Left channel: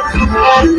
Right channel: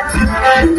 I'm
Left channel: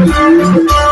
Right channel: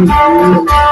you.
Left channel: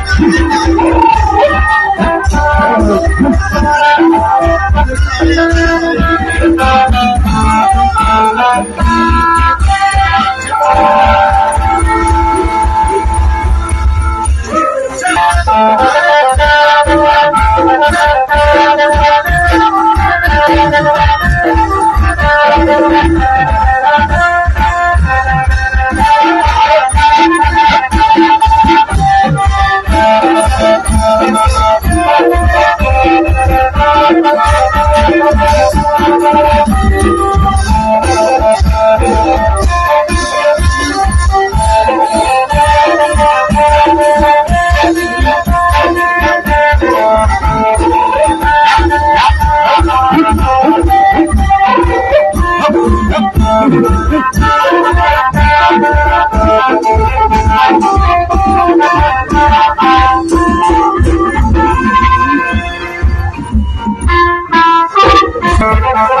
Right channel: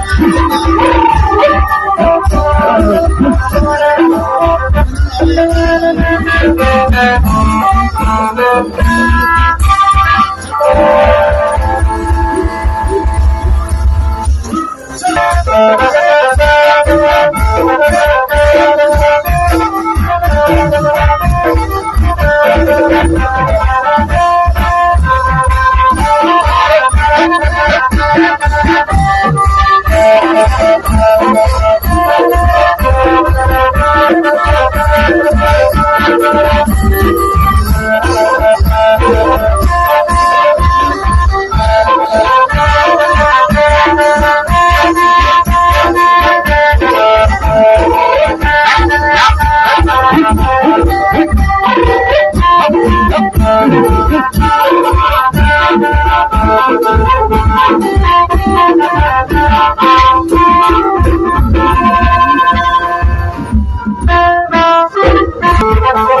Thank you.